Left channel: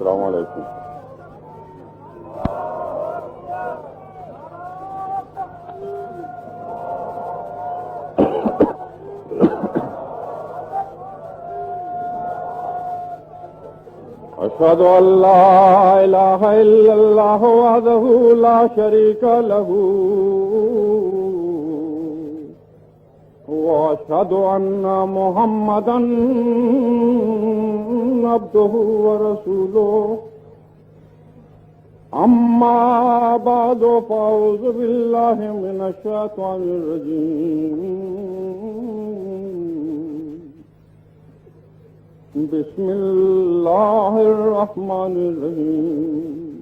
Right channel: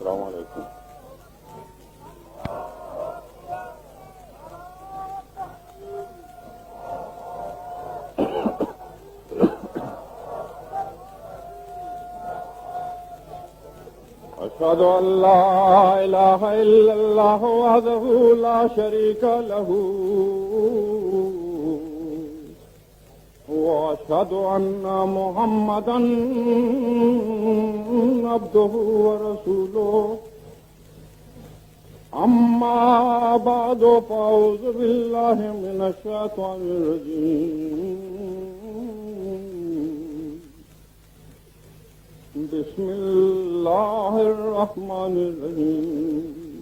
السلام علیکم. أشهد أن لا إله إلا الله وحده لا شريك له وأشهد أن محمدا عبده ورسوله. أما بعد فأعوذ بالله من الشيطان الرجيم. بسم الله الرحمن الرحيم.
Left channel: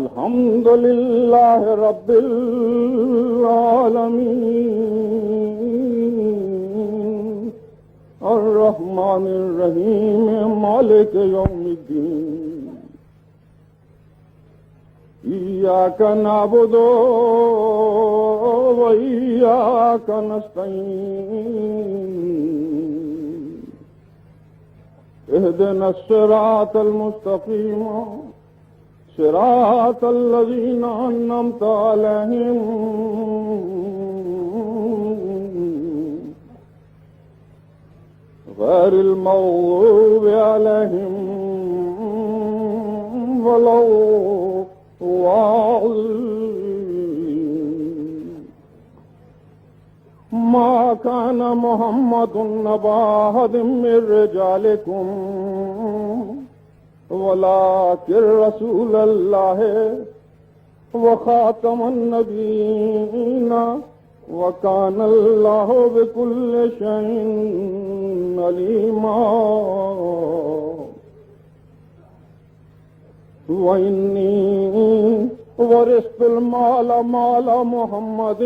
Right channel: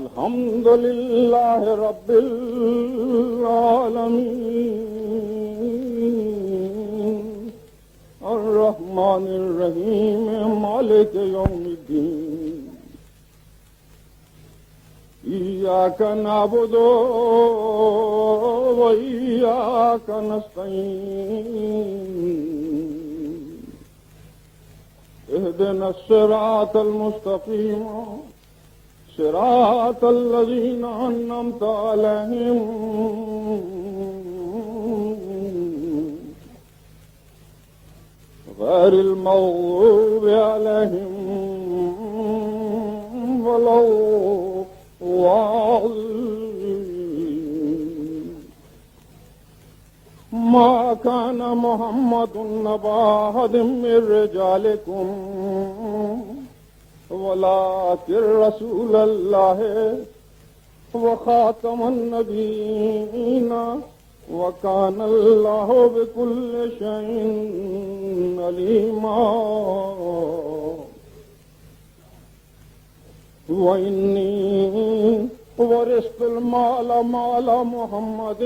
الحمد لله رب العالمين الرحمن الرحيم مالك يوم الدين. إياك نعبد وإياك نستعين. اهدنا الصراط المستقيم صراط الذين أنعمت عليهم غير المغضوب عليهم ولا الضالين. ما كان محمد أبا أحد من رجالكم ولكن رسول الله وخاتم النبيين وكان الله بكل شيء عليما. وإني ورثت المال مال محمد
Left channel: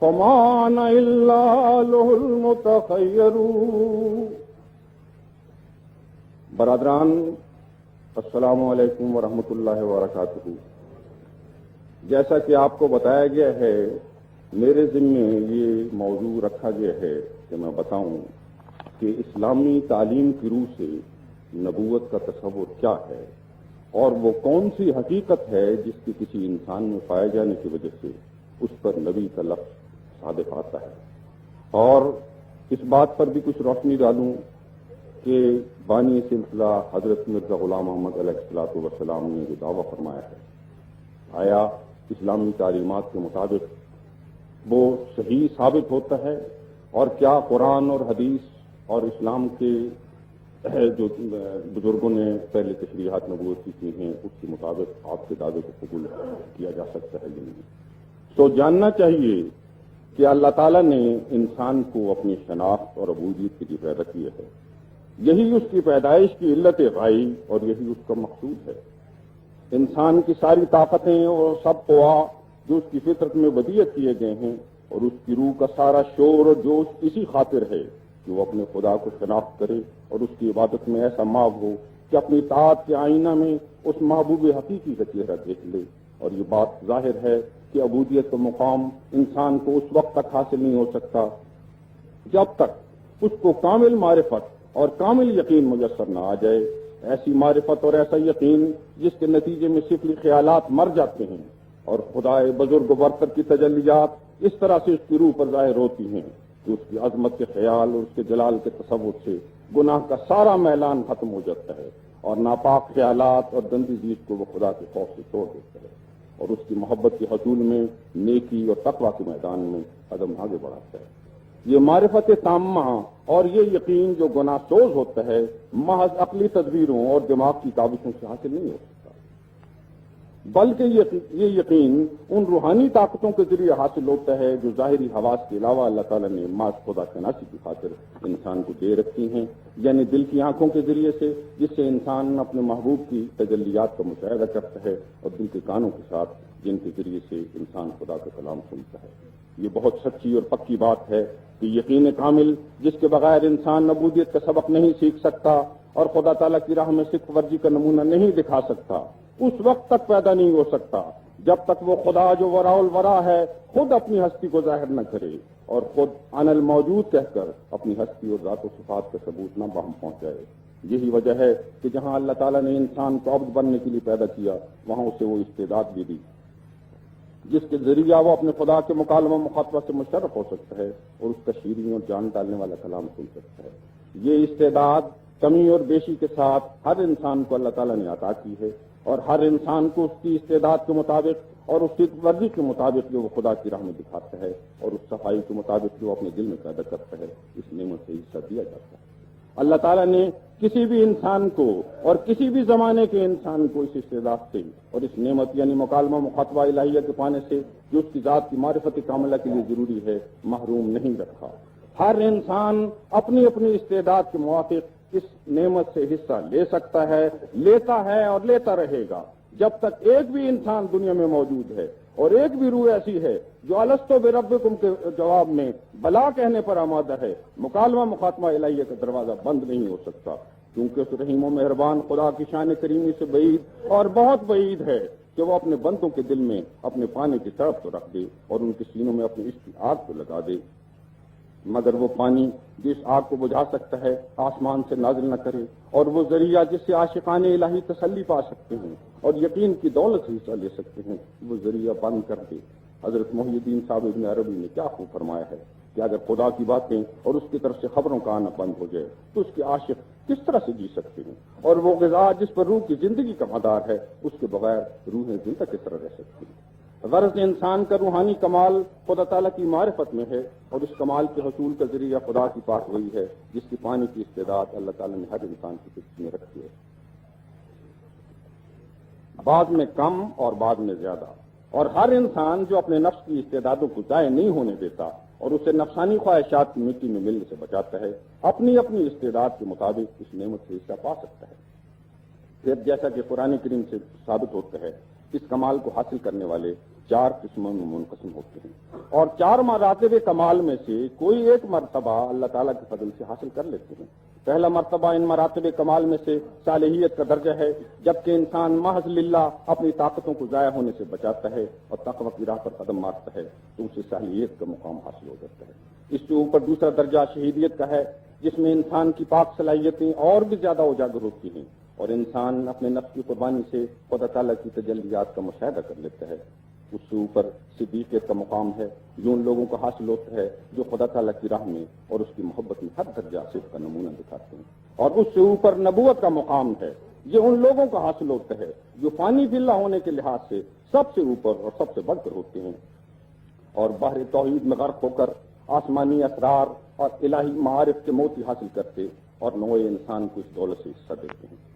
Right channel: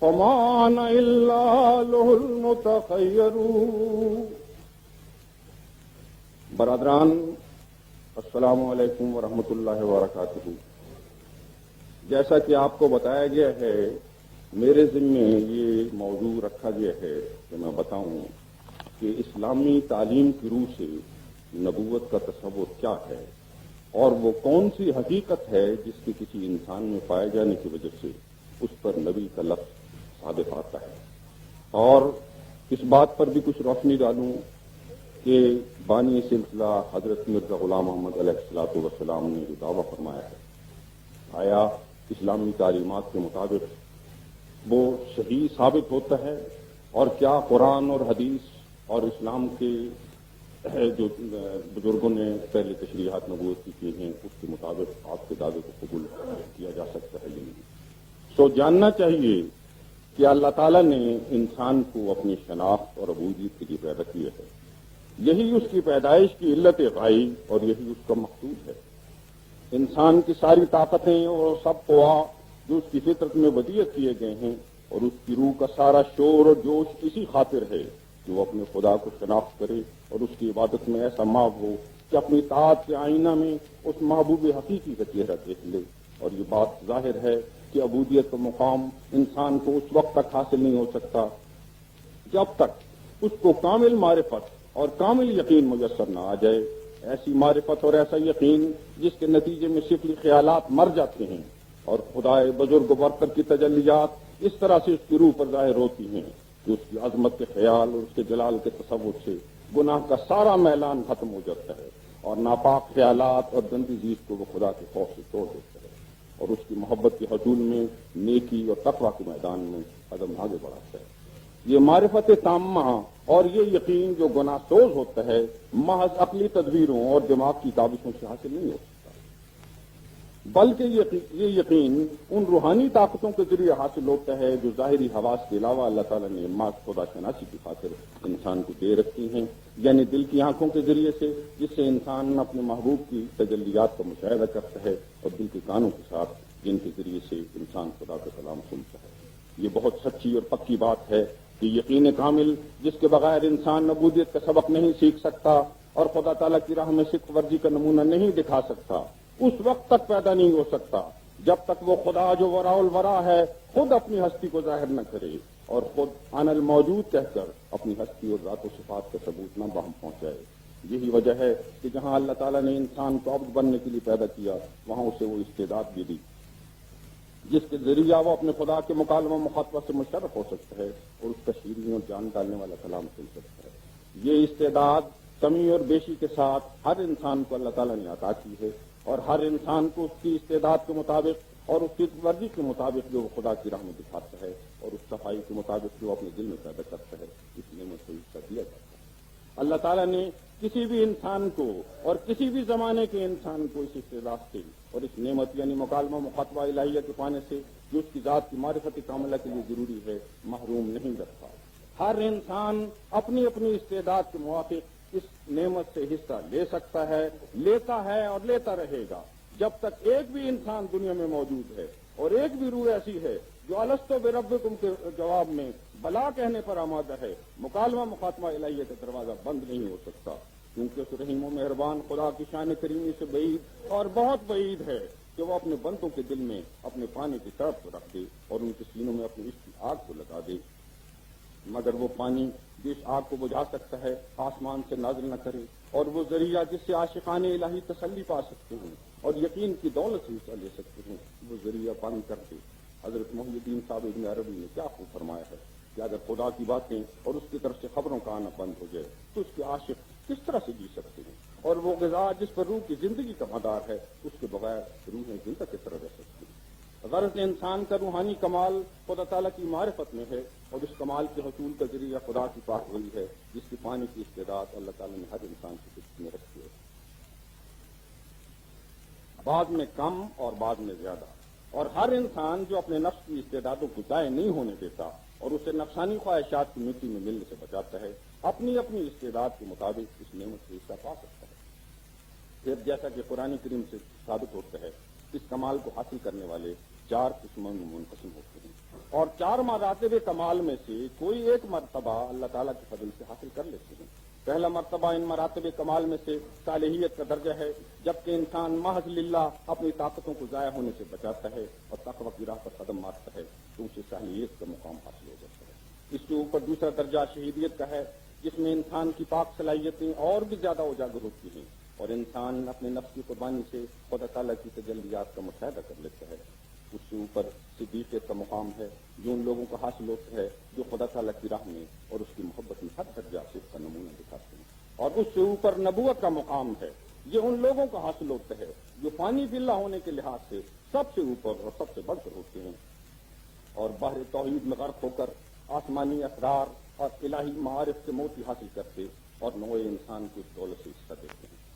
فما أنا إلا له المتخير. برادران، السلام علیکم ورحمۃ اللہ وبرکاتہ. جیسا کہ آپ کو بتایا گیا ہے، میرے ذمے یہ موضوع رکھا گیا ہے کہ میں بتاؤں کہ اسلامی تعلیم کی روح سے نبوت کا تصور کیا ہے اور وہ کون سی حقیقت ہے جس کی کسی انسان میں پائے جانے کی وجہ سے اس پر نبی کا لفظ صادق آتا ہے. اور اس بات پر بھی کچھ روشنی ڈالوں کہ بانی سلسلہ حضرت مرزا غلام محمد علیہ الصلوۃ والسلام نے جو دعویٰ فرمایا ہے، آیا اسلامی تعلیمات کے مطابق وہ صحیح ثابت ہوتا ہے؟ اور کیا قرآن اور حدیث اور اسلام کے جو بزرگوں نے پہلے تشریحات نبوت کی ہیں اس کے مطابق آپ کے دعوے کو قبول کیا جا سکتا ہے یا نہیں؟ تو جاننا چاہیے کہ اللہ تعالیٰ نے انسان کو اپنی شناخت اور عبودیت کے لیے پیدا کیا ہے. یہی اس کی پیدائش کی علت پائی اور یہی اس کا مقصود ہے. انسان کی ساری طاقتیں اور سب قوا جو اس کی فطرت میں ودیعت کیے گئے ہیں اور اس کی روح کا سارا شور اور جوش اسی خاطر ہے کہ وہ اپنے خدا کو شناخت کرے اور اس کی عبادت میں ایسا ماب ہو کہ اپنی طاعت کے آئینہ میں اس محبوب حقیقی کا چہرہ دیکھ لے. اور یہ بات ظاہر ہے کہ عبودیت کا مقام انسان کو اس وقت تک حاصل نہیں ہو سکتا جب تک اس کو کامل معرفت اور کامل یقین میسر نہ آ جائے. ایسی معرفت اور ایسا یقین جس کے نتیجے میں شکلی خیالات مر جاتے ہیں اور خدائے بزرگ برتر کی تجلیات اس طرح سے اس کی روح پر ظاہر ہوتی ہیں کہ اس کی عظمت کے خیال اور اس کے جلال کے تصور سے گناہ کا سارا میلان ختم ہو جاتا ہے اور ناپاک خیالات اور گندی چیز کو وہ خدا کے خوف سے توڑ دیتا ہے اور اس کی محبت کے حصول میں نیکی اور تقویٰ کے میدان میں قدم آگے بڑھاتا ہے. یہ معرفت تامہ اور یہ یقین جو گناہ سوز ہوتا ہے محض عقلی تدبیروں اور دماغ کی کاوشوں سے حاصل نہیں ہو سکتا، بلکہ یہ یقین ان روحانی طاقتوں کے ذریعے حاصل ہوتا ہے جو ظاہری حواس کے علاوہ اللہ تعالیٰ نے ماں خدا شناسی کی خاطر انسان کو دے رکھی ہیں، یعنی دل کی آنکھوں کے ذریعے سے جس سے انسان اپنے محبوب کی تجلیات کا مشاہدہ کرتا ہے اور دل کے کانوں کے ساتھ جن کے ذریعے سے انسان خدا کا کلام سنتا ہے. یہ بہت سچی اور پکی بات ہے کہ یقین کامل جس کے بغیر انسان عبودیت کا سبق نہیں سیکھ سکتا اور خدا تعالیٰ کی راہ میں صدق ورزی کا نمونہ نہیں دکھا سکتا اس وقت تک پیدا نہیں ہو سکتا جب تک وہ خدا جو وراء الورا ہے خود اپنی ہستی کو ظاہر نہ کرے اور خود انا الموجود کہہ کر اپنی ہستی اور ذات و صفات کا ثبوت نہ بہم پہنچائے۔ یہی وجہ ہے کہ جہاں اللہ تعالیٰ نے انسان کو عبد بننے کے لیے پیدا کیا وہاں اسے وہ استعداد بھی دی جس کے ذریعہ وہ اپنے خدا کے مکالمہ مخاطبہ سے مشرف ہو سکتا ہے اور اس تشہیری میں جان ڈالنے والا کلام سن سکتا ہے۔ یہ استعداد کمی اور بیشی کے ساتھ ہر انسان کو اللہ تعالیٰ نے عطا کی ہے اور ہر انسان کو اس کی استعداد کے مطابق اور اس کی مرضی کے مطابق جو وہ خدا کی راہ میں دکھاتا ہے اور اس صفائی کے مطابق جو وہ اپنے دل میں پیدا کرتا ہے اس نعمت کو حصہ دیا جاتا ہے۔ اللہ تعالیٰ نے کسی بھی انسان کو اور کسی بھی زمانے کے انسان کو اس استعداد سے اور اس نعمت یعنی مکالمہ مخاطبہ الہیہ کے پانے سے جو اس کی ذات کی معرفت کاملہ کے لیے ضروری ہے محروم نہیں رکھا۔ ہر انسان اپنی اپنی استعداد کے موافق اس نعمت سے حصہ لے سکتا ہے، لیتا ہے اور لیتا رہے گا جب تک ایک بھی انسان دنیا میں موجود ہے اور ایک بھی روح ایسی ہے جو الستو بربکم کے جواب میں بلا کہنے پر آمادہ ہے، مکالمہ مخاطبہ الہیہ کا دروازہ بند نہیں ہو سکتا، کیونکہ اس رحیم و مہربان خدا کی شان کریمی سے بعید اور بہت بعید ہے کہ وہ اپنے بندوں کے دل میں اپنے پانی کی طرف تو رکھ دے اور ان کے سینوں میں اپنی عشق کی آگ کو لگا دے، مگر وہ پانی جس آگ کو بجھا سکتا ہے آسمان سے نازل نہ کرے، اور وہ ذریعہ جس سے عاشقان الہی تسلی پا سکتے ہیں اور یقین کی دولت سے حصہ لے سکتے ہیں وہ ذریعہ بند کر دے۔ حضرت محی الدین صاحب ابن عربی نے کیا خوب فرمایا ہے کہ اگر خدا کی باتیں اور اس کی طرف سے خبروں کا آنا بند ہو جائے تو اس کے عاشق کس طرح سے جی سکتے ہیں، اور وہ غذا جس پر روح کی زندگی کا مدار ہے اس کے بغیر روحیں زندہ کس طرح رہ سکتی ہیں۔ غرض انسان کا روحانی کمال خدا تعالیٰ کی معرفت میں ہے اور اس کمال کے حصول کا ذریعہ خدا کی پاک ہوئی ہے جس کی پانی کی استعداد اللہ تعالیٰ نے ہر انسان کی خدمت میں رکھی ہے، بعد میں کم اور بعد میں زیادہ، اور ہر انسان جو اپنے نفس کی استعدادوں کو ضائع نہیں ہونے دیتا اور اسے نفسانی خواہشات کی مٹی میں ملنے سے بچاتا ہے اپنی اپنی استعداد کے مطابق اس نعمت سے حصہ پا سکتا ہے۔ پھر جیسا کہ قرآن کریم سے ثابت ہوتا ہے اس کمال کو حاصل کرنے والے 4 قسموں میں منقسم ہوتے ہیں اور 4 مراتب کمال میں سے کوئی ایک مرتبہ اللہ تعالیٰ کے فضل سے حاصل کر لیتے ہیں۔ پہلا مرتبہ ان مراتب کمال میں سے صالحیت کا درجہ ہے، جبکہ انسان محض للہ اپنی طاقتوں کو ضائع ہونے سے بچاتا ہے اور تقوی کی راہ پر قدم مارتا ہے تو اسے صالحیت کا مقام حاصل ہو جاتا ہے۔ اس کے اوپر دوسرا درجہ شہیدیت کا ہے جس میں انسان کی پاک صلاحیتیں اور بھی زیادہ اجاگر ہوتی ہیں اور انسان اپنے نفس کی قربانی سے خدا تعالیٰ کی تجلیات کا مشاہدہ کر لیتا ہے۔ اس سے اوپر صدیقیت کا مقام ہے جو ان لوگوں کو حاصل ہوتا ہے جو خدا تعالیٰ کی راہ میں اور اس کی محبت میں ہر درجہ صدق کا نمونہ دکھاتے ہیں، اور اس سے اوپر نبوت کا مقام ہے یہ ان لوگوں کو حاصل ہوتا ہے جو فانی باللہ ہونے کے لحاظ سے سب سے اوپر اور سب سے بڑھ کر ہوتے ہیں اور بحر توحید میں غرق ہو کر آسمانی اسرار اور الہی معارف کے موتی حاصل کرتے اور نوع انسان کو اس دولت سے حصہ دیتے ہیں۔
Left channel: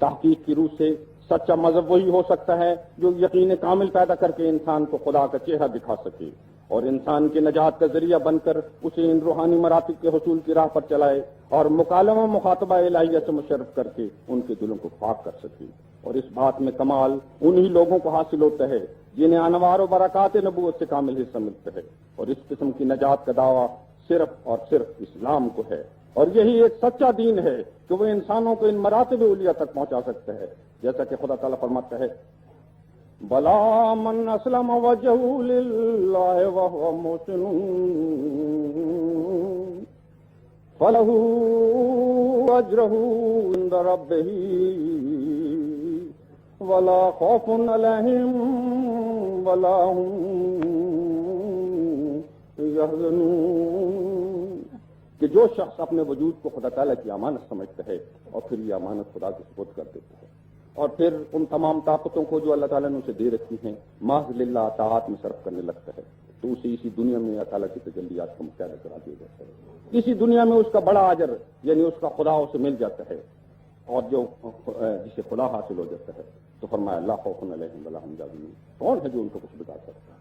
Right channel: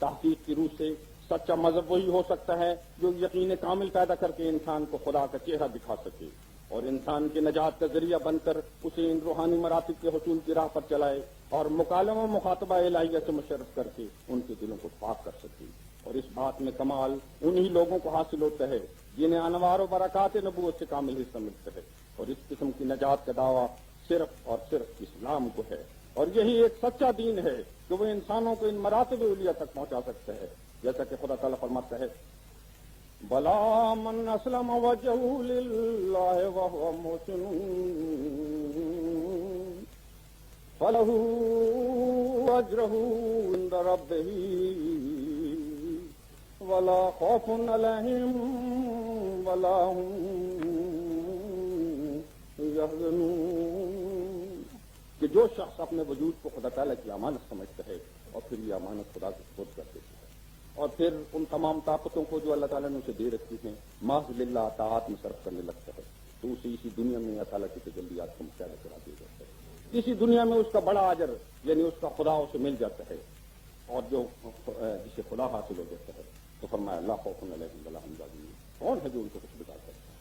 تحقیق کی روح سے سچا مذہب وہی ہو سکتا ہے جو یقین کامل پیدا کر کے انسان کو خدا کا چہرہ دکھا سکے اور انسان کے نجات کا ذریعہ بن کر اسے ان روحانی مراتب کے حصول کی راہ پر چلائے اور مکالمہ مخاطبہ الہیہ سے مشرف کر کے ان کے دلوں کو پاک کر سکے۔ اور اس بات میں کمال انہی لوگوں کو حاصل ہوتا ہے جنہیں انوار و برکات نبوت سے کامل حصہ ملتا ہے، اور اس قسم کی نجات کا دعویٰ صرف اور صرف اسلام کو ہے، اور یہی ایک سچا دین ہے کہ وہ انسانوں کو ان مراتب علیہ تک پہنچا سکتا ہے، جیسا کہ خدا تعالیٰ فرماتا ہے بلا من اسلم وجہہ للہ وہو محسن فلہ اجرہ عند ربہ ولا خوف علیہم ولا هم یحزنون، کہ جو شخص اپنے وجود کو خدا تعالیٰ کی امانت سمجھتا ہے اور پھر یہ امانت خدا کے سپرد کر دیتا ہے اور پھر ان تمام طاقتوں کو جو اللہ تعالیٰ نے اسے دے رکھی ہیں محض للہ اطاعت میں صرف کرنے لگتا ہے تو اسے اسی دنیا میں اللہ تعالیٰ کی تجلیات کا مشاہدہ کرا دیا جاتا ہے، اسی دنیا میں اس کا بڑا اجر یعنی اس کا خدا اسے مل جاتا ہے، اور جو جسے خدا حاصل ہو جاتا ہے تو فرمایا لا خوف علیہم ولا هم یحزنون، کون ہے جو ان کو کچھ بتا سکتا ہے؟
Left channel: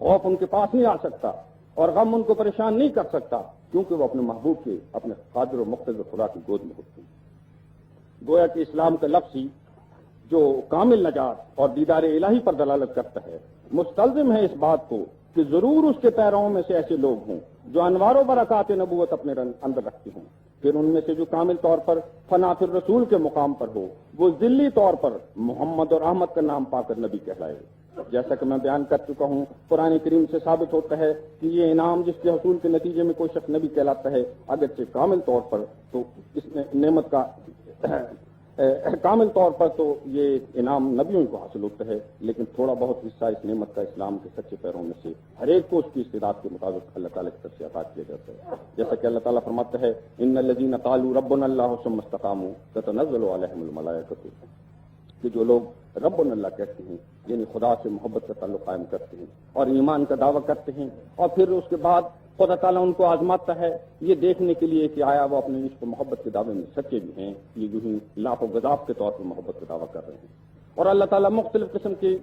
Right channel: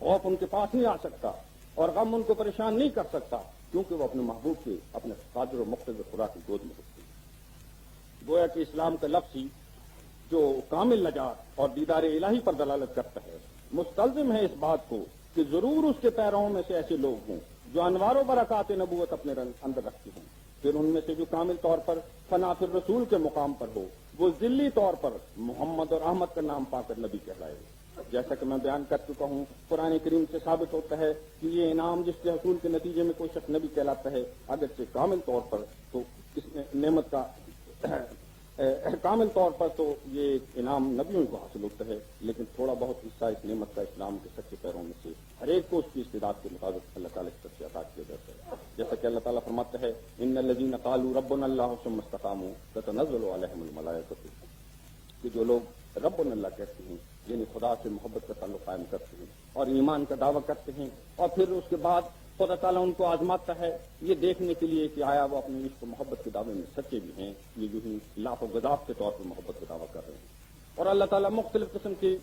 خوف ان کے پاس نہیں آ سکتا اور غم ان کو پریشان نہیں کر سکتا کیونکہ وہ اپنے محبوب کے اپنے قادر و مقتدر خدا کی گود میں ہوتے ہیں۔ گویا کہ اسلام کا لفظ ہی جو کامل نجات اور دیدار الہی پر دلالت کرتا ہے مستلزم ہے اس بات کو کہ ضرور اس کے پیرووں میں سے ایسے لوگ ہوں جو انوار و برکات نبوت اپنے اندر رکھتے ہوں پھر ان میں سے جو کامل طور پر فنا فی الرسول کے مقام پر ہو وہ ذلی طور پر محمد اور احمد کا نام پا کر نبی کہلائے. جیسا کہ میں بیان کر چکا ہوں، قرآن کریم سے ثابت ہوتا ہے کہ یہ انعام جس کے حصول کے نتیجے میں کوئی شخص نبی کہلاتا ہے، اگرچہ کامل طور پر تو اس نعمت کا کامل طور پر تو یہ انعام نبیوں کو حاصل ہوتا ہے، لیکن تھوڑا بہت حصہ اس نعمت کا اسلام کے سچے پیروں میں سے ہر ایک کو اس کی استعداد کے مطابق اللہ تعالیٰ کی طرف سے عطا کیا جاتا ہے. جیسا کہ اللہ تعالیٰ فرماتا ہے ان الذین قالوا ربنا اللہ ثم استقاموا تتنزل علیہم الملائکۃ، کہ جو لوگ ربنا اللہ کہتے ہیں یعنی خدا سے محبت کا تعلق قائم کرتے ہیں اور ایمان کا دعویٰ کرتے ہیں، اور پھر اس کے بعد خدا تعالیٰ ان کو آزماتا ہے یہ دیکھنے کے لیے کہ آیا وہ اپنے عشق و محبت کے دعوے میں سچے بھی ہیں، یہ جو ہی لاکھ و گزاف کے طور پر محبت کا دعویٰ کر رہے ہیں. اور اللہ تعالیٰ مختلف قسم کے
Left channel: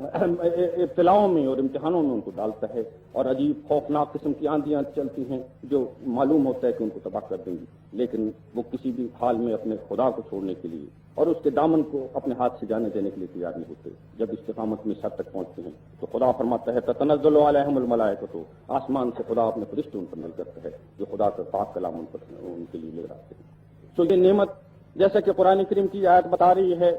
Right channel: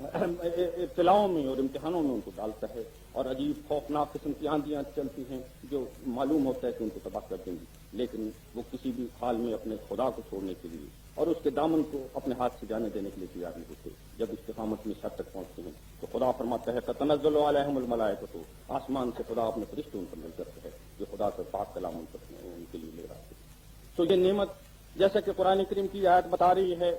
ابتلاؤں میں اور امتحانوں میں ان کو ڈالتا ہے، اور عجیب خوفناک قسم کی آندیاں چلتی ہیں جو معلوم ہوتا ہے کہ ان کو تباہ کر دیں گی، لیکن وہ کسی بھی حال میں اپنے خدا کو چھوڑنے کے لیے اور اس کے دامن کو اپنے ہاتھ سے جانے دینے کے لیے تیار نہیں ہوتے. جب استقامت میں حد تک پہنچتے ہیں تو خدا فرماتا ہے تتنزل علیہم الملائکۃ، آسمان سے خدا اپنے فرشتے ان پر نازل کرتا ہے جو خدا کا پاک کلام ان کے لیے لے رہتے ہیں. تو یہ نعمت جیسا کہ قرآن کریم کی آیت بتا رہی ہے،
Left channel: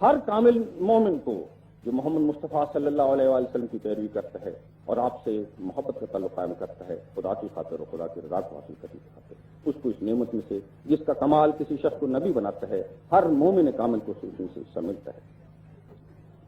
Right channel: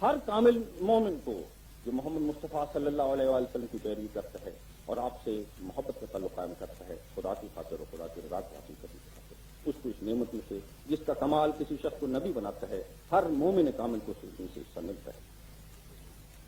ہر کامل مومن کو جو محمد مصطفیٰ صلی اللہ علیہ وآلہ وسلم کی پیروی کرتا ہے اور آپ سے محبت کا تعلق قائم کرتا ہے خدا کی خاطر اور خدا کی رضا کو حاصل کرنے کی خاطر، اس کو اس نعمت میں سے جس کا کمال کسی شخص کو نبی بناتا ہے ہر مومن کامل کو سوچنے سے حصہ ملتا ہے.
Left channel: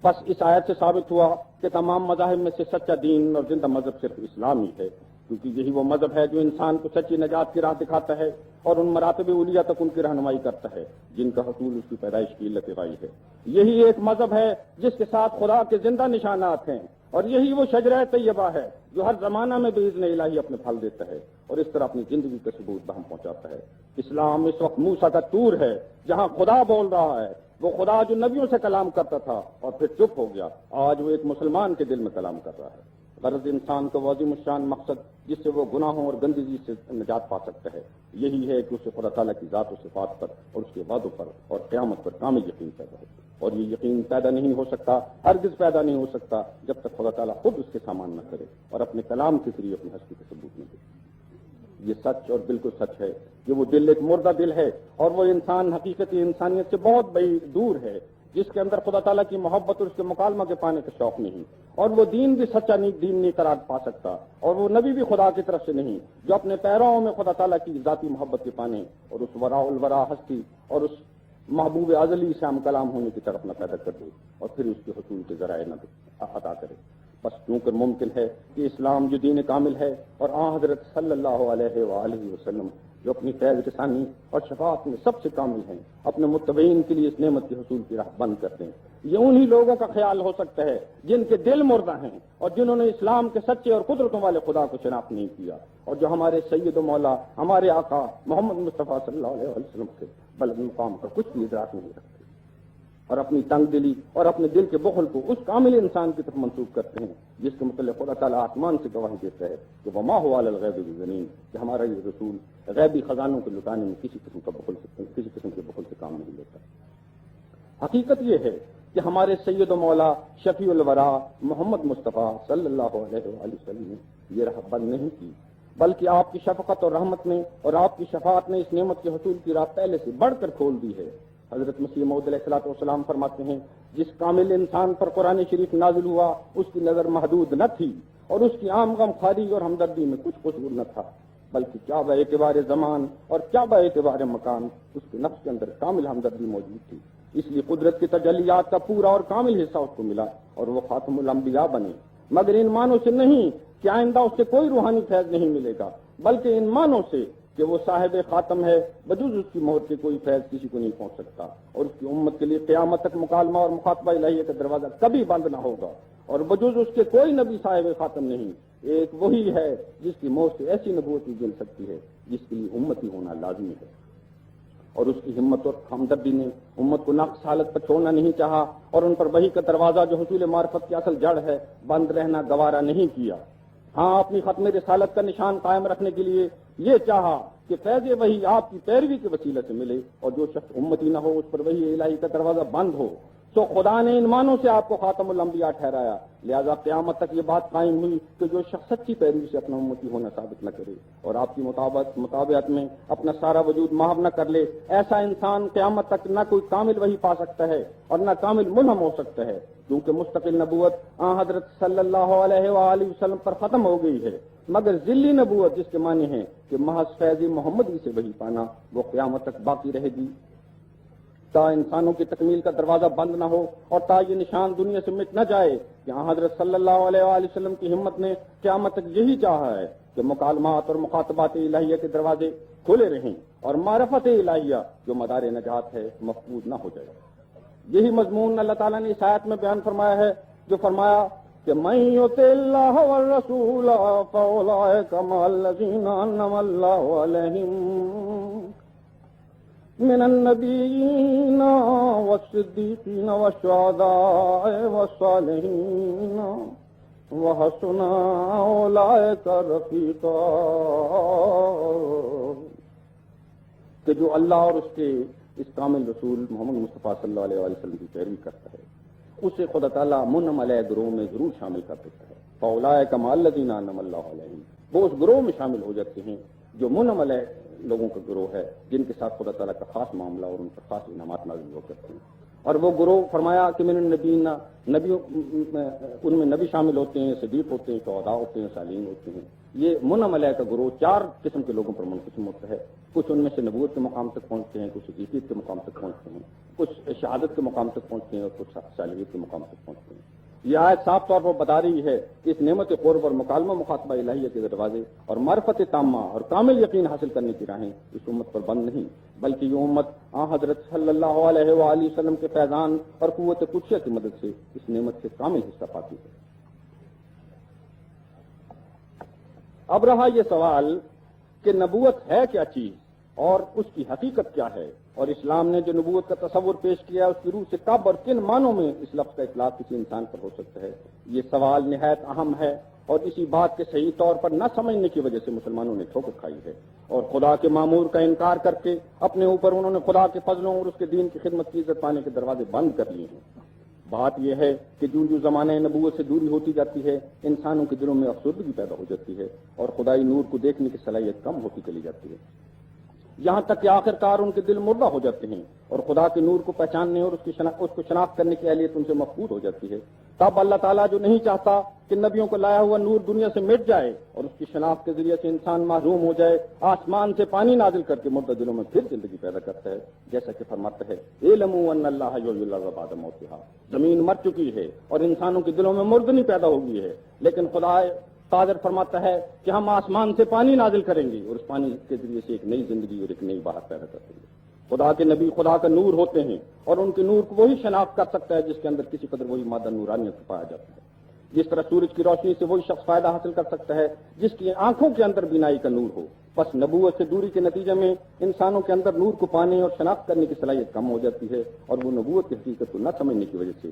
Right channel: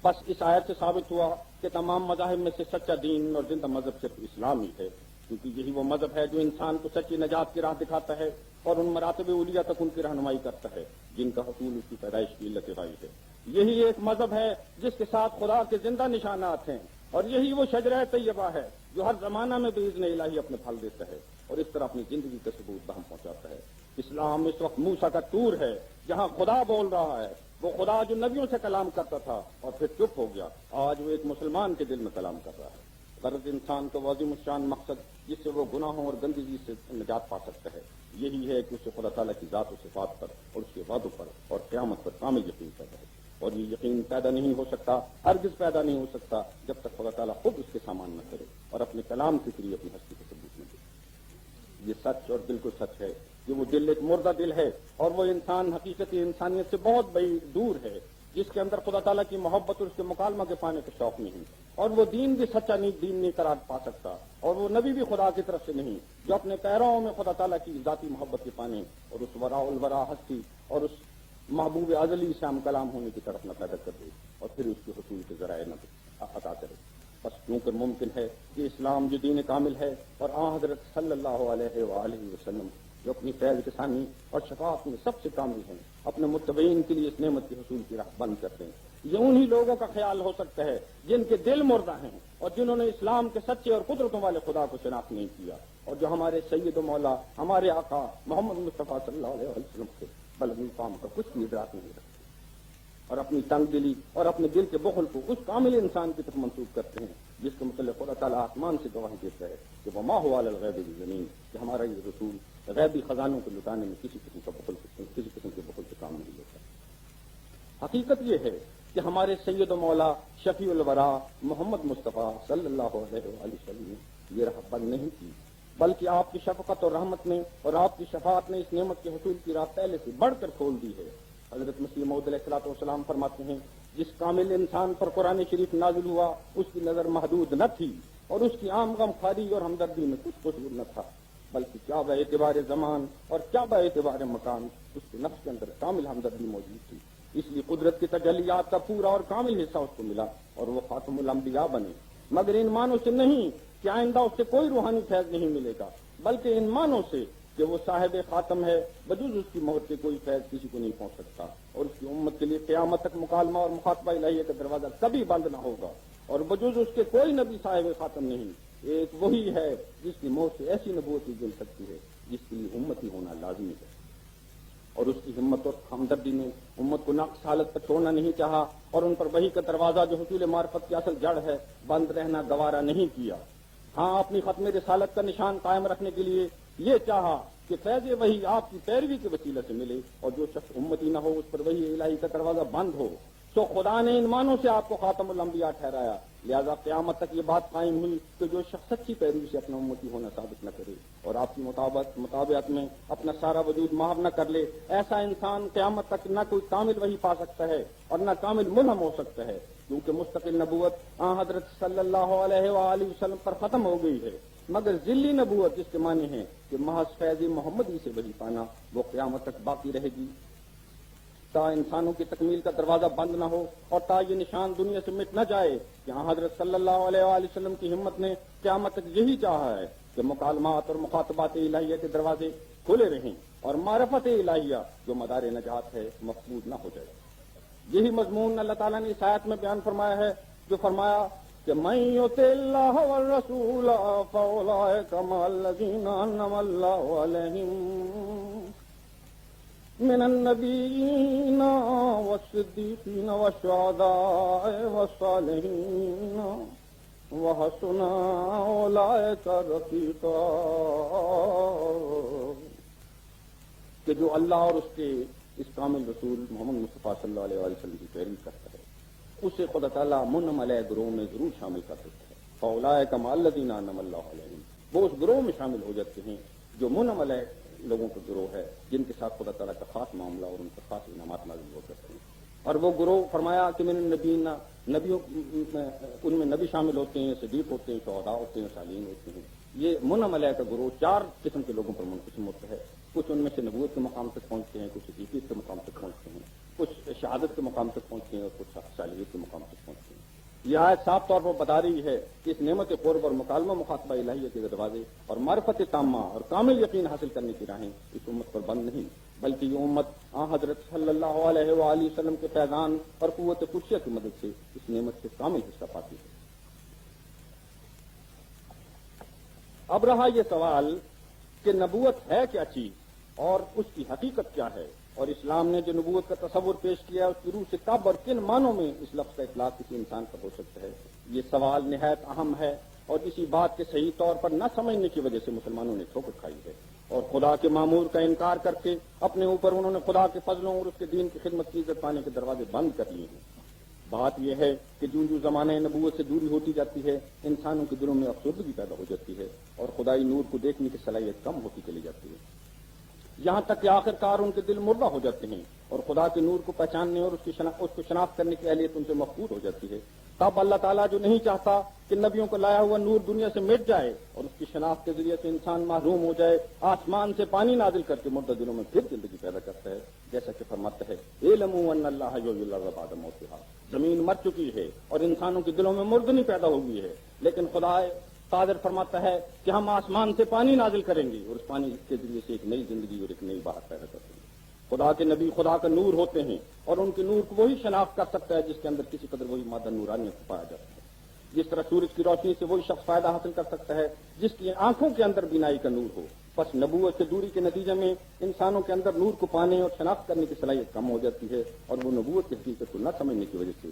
بس اس آیت سے ثابت ہوا کہ تمام مذاہب میں سے سچا دین اور زندہ مذہب صرف اسلام ہی ہے، کیونکہ یہی وہ مذہب ہے جو انسان کو سچی نجات کی راہ دکھاتا ہے اور ان مراتب اولیاء تک ان کی رہنمائی کرتا ہے جن کا حصول اس کی پیدائش کی علت وائی ہے. یہی ایک مذہب ہے جس کے ساتھ خدا کے زندہ نشانات ہیں، اور یہی وہ شجرہ طیبہ ہے جو ہر زمانہ میں باذن الہی اپنے پھل دیتا ہے اور اس طرح اپنی زندگی کا ثبوت بہم پہنچاتا ہے. اسلام اس وقت موسیٰ کا طور ہے جہاں خدا بول رہا ہے، وہ خدا جو نبیوں سے کلام کرتا تھا اور پھر چپ ہو گیا، آج وہ ایک مسلمان کے دل میں کلام کر رہا ہے. غرض انسان کا عظیم الشان مقصد جس سے وہ گناہوں اور گندگی سے نجات پا سکتا ہے یہی ہے کہ اسے خدا تعالیٰ کی ذات و صفات پر اور اس کے وعدوں پر اور قیامت پر کامل یقین پیدا ہو. اور یہ یقین پیدا نہیں ہو سکتا، ہرگز پیدا نہیں ہو سکتا جب تک خدا تعالیٰ خود اس کے سامان نہ کرے اور اپنے کلام کے ذریعے اپنی ہستی کو ثبوت نہ دے. یہ سچ اور بالکل سچ ہے کہ وہ دل ایک مردہ دل ہے اور وہ انسان حقیقتی انسانیت سے بہت بڑی دور ہے، جس کے اندر خدا تعالیٰ کی محبت اور اس کے مکالمہ کے پانے کا شوق نہیں، اور وہ دین بھی سچا دین نہیں قرار پا سکتا، اور وہ نبی بھی خدا کی طرف سے نہیں جو اپنے پیروں میں خدا تعالیٰ کی ذاتی محبت کے پانے اور اس وراء الورا ہستی اور اس محبوب ازلی سے ہم کلام ہونے کی طرف نہ پیدا کر دے اور پھر اس کے حصول کے ذرائع نہ عطا کرے. بس کیونکہ ممکن ہے کہ اسلام جو دین کامل ہے اور آن حضرت صلی اللہ علیہ وآلہ وسلم جو اپنی فیض رسانی اور شفاعت میں سب سے کامل ہیں اپنے متبعین کے لیے اس نعمت کے حصول کی راہ بند کر دیں. یہ انہی لوگوں کا خیال ہو سکتا ہے جن کے دل مردہ ہیں اور جنہوں نے اسلام کے سچے اور قدرتوں والے خدا کو شناخت نہیں کیا اور جو ہمارے سید و مولا ہمارے آقا محمد مصطفیٰ صلی اللہ علیہ وسلم کے بلند مقام کا کچھ بھی ادراک نہیں رکھتے اور اپنی تنگ دلی اور اپنے دل کے بخل کو اس کامل انسان کی طرف منسوخ کرتے ہیں جس کے متعلق خدا تعالیٰ آسمان سے گواہی دیتا ہے کہ وما هو علی الغیب بضنین، کہ ہمارا یہ رسول غیبی خزانوں کو لٹانے میں کسی قسم کے بخل سے کام نہیں لیتا. حقیقت یہ ہے کہ ہمارے سید و مولا شفیع الورا محمد مصطفیٰ صلی اللہ علیہ وسلم نے یہ راہ بند نہیں کی، بلکہ آپ کی شفقت اور رحمت نے اور آپ کی شفاعت نے اس نعمت کے حصول کی راہ پہلے سے بڑھ کر کھول دی ہے. حضرت مسیح موعود علیہ الصلوۃ والسلام فرماتے ہیں جس کامل انسان پر قرآن شریف نازل ہوا اس کی نظر محدود نہ تھی اور اس کی عام غم خاری اور ہمدردی میں کچھ قصور نہ تھا، بلکہ کیا با اعتبار زمان اور کیا با اعتبار مکان اس کے نفس کے اندر کامل ہمدردی موجود تھی. اس لیے قدرت کی تجلیات کا پورا اور کامل حصہ اس کو ملا اور وہ خاتم الانبیاء بنے، مگر ان معنوں سے نہیں کہ آئندہ اس سے کوئی روحانی فیض نہیں ملے گا، بلکہ ان معنوں سے کہ وہ صاحب خاتم ہے، بجز اس کی مہر کے کوئی فیض کسی کو نہیں پہنچ سکتا اور اس کی امت کے لیے قیامت تک مکالمہ اور مخاطبہ الہیہ کا دروازہ کبھی بند نہ ہوگا اور بجز اس کے کوئی نبی صاحب خاتم نہیں. ایک وہی ہے جس کی مہر سے ایسی نبوت مل سکتی ہے جس کے لیے امتی ہونا لازمی ہے، اور اس کی ہمت اور ہمدردی نے امت کو ناقص حالت پر چھوڑنا نہیں چاہا اور ان پر وحی کا دروازہ جو حصول معرفت کی اصل جڑ ہے بند رہنا گوارا نہیں کیا. ہاں، اپنی ختم رسالت کا نشان قائم رکھنے کے لیے یہ چاہا کہ فیض وحی آپ کی پیروی کے وسیلے سے ملے اور جو شخص امتی نہ ہو اس پر وحی الہی کا دروازہ بند ہو تو خدا نے ان معنوں سے آپ کو خاتم الانبیاء ٹھہرایا، لہذا قیامت تک یہ بات قائم ہوئی کہ جو شخص سچی پیروی سے اپنا امتی ہونا ثابت نہ کرے اور آپ کی مطابعت میں اپنا سارا وجود محو نہ کر لے، ایسا انسان قیامت تک نہ کوئی کامل وحی پا سکتا ہے اور نہ کامل منہم ہو سکتا ہے، کیونکہ مستقل نبوت حضرت صلی اللہ علیہ وآلہ وسلم پر ختم ہو گئی ہے، مگر ذلی نبوت جس کے معنی ہیں کہ محض فیض محمدی سے وحی پانا، وہ قیامت تک باقی رہے گی تا انسانوں کی تکمیل کا دروازہ بند نہ ہو اور تا یہ نشان دنیا سے مٹ نہ جائے کہ حضرت صلی اللہ علیہ وآلہ وسلم کی ہمت نے قیامت تک یہی چاہا ہے کہ مکالمات اور مخاطبات الہیہ کے دروازے کھلے رہیں اور معرفت الہیہ جو مدار نجات ہے مفقود نہ ہو جائے۔ یہی مضمون اللہ تعالیٰ نے اس آیت میں بیان فرمایا ہے، جو فرمایا کہ من یطع اللہ والرسول فاولئک مع الذین انعم اللہ علیہم من النبیین والصدیقین والشہداء والصالحین وحسن اولئک رفیقا، کہ جو اللہ اور اس کے اس کامل رسول محمد مصطفیٰ صلی اللہ علیہ وسلم کی پیروی کرتا ہے، اسے خدا تعالیٰ منعم علیہ گروہ میں ضرور شامل کر دیتا ہے۔ فاولئک مع الذین انعم اللہ علیہم، وہ اس گروہ میں شامل ہو جاتے ہیں جو منعم علیہ لوگوں کا گروہ ہے، جن کے ساتھ خدا تعالیٰ کا خاص معاملہ اور ان پر خاص انعامات نازل ہو کرتے ہیں۔ اور وہ گروہ فرمایا کہ من النبیین، نبی ان میں نبی شامل ہوتے ہیں، صدیق ہوتے ہیں، شہداء ہوتے ہیں، صالحین ہوتے ہیں۔ یہ منعم علیہ کا گروہ 4 قسم کے لوگوں پر منقسم ہوتا ہے، کچھ ان میں سے نبوت کے مقام تک پہنچتے ہیں، کچھ صدیقیت کے مقام تک پہنچتے ہیں، کچھ شہادت کے مقام تک پہنچتے ہیں اور کچھ صالحیت کے مقام تک پہنچتے ہیں۔ یہ آیت صاف طور پر بتا رہی ہے کہ اس نعمت قرب اور مکالمہ مخاطبہ الہیہ کے دروازے اور معرفت تامہ اور کامل یقین حاصل کرنے کی راہیں اس امت پر بند نہیں، بلکہ یہ امت حضرت صلی اللہ علیہ وآلہ وسلم کے فیضان اور قوت قدسیہ کی مدد سے اس نعمت سے کامل حصہ پاتی ہے۔ اب رہا یہ سوال کہ نبوت ہے کیا چیز اور اس کی حقیقت کیا ہے، اور اسلام نے جو نبوت کا تصور پیش کیا اس کی روح سے کب اور کن معنوں میں اس لفظ کا اطلاق کسی انسان پر ہو سکتا ہے، یہ سوال نہایت اہم ہے، اور اسی بات کے صحیح طور پر نہ سمجھنے کی وجہ سے مسلمانوں نے ٹھوکر کھائی ہے اور خدا کے مامور کا انکار کر کے اپنے اوپر انہوں نے خدا کے فضلوں اور اس کے دین کی خدمت کی عزت پانے کے دروازے بند کر لیے ہیں۔ بات یہ ہے کہ جو زمانے نبوت سے دوری ہوتی جاتی ہے، انسانوں کے دلوں میں افسردگی پیدا ہو جاتی ہے اور خدائی نور کو دیکھنے کی صلاحیت کم ہوتی چلی جاتی ہے، یہاں تک کہ آخر کار ان کے دل مردہ ہو جاتے ہیں اور خدا کے نور کو پہچاننے اور اس کو شناخت کرنے کی اہلیت ان سے مفقود ہو جاتی ہے۔ تب اللہ تعالیٰ جو نہیں چاہتا کہ نبیوں کو لایا ہوا نور دنیا سے مٹ جائے اور اس کی شناخت کے ذریعے سے انسان محروم ہو جائے، آسمان سے پانی نازل کر کے مردہ دلوں میں پھر زندگی پیدا کرتا ہے، جیسا کہ فرماتا ہے اعلموا ان اللہ یحیی الارض بعد موتہا، زمین مر چکی ہے اور انسانوں کے دلوں میں مردنی پیدا ہو گئی ہے، لیکن خدا قادر فرماتا ہے کہ ہم آسمان سے پانی نازل کریں گے اور اس پانی کے ذریعے سے ایک نئی زندگی اور ایک نئی بہار پیدا کر دیں گے۔ خدا کے نبی خدا کا نور ہوتے ہیں اور ان کے نور کو وہی شناخت کر سکتا ہے جس کے اندر کسی قدر وہی مادہ نورانیت پایا جاتا ہے۔ جس طرح سورج کی روشنی سے وہی شخص فائدہ حاصل کر سکتا ہے جس کی آنکھوں کے اندر بینائی کا نور ہو، بس نبوت سے دوری کے نتیجے میں انسانوں کے اندر نور کو پانے اور شناخت کرنے کی صلاحیت کم ہو جاتی ہے اور وہ نبوت کی حقیقت کو نہ سمجھنے کی وجہ سے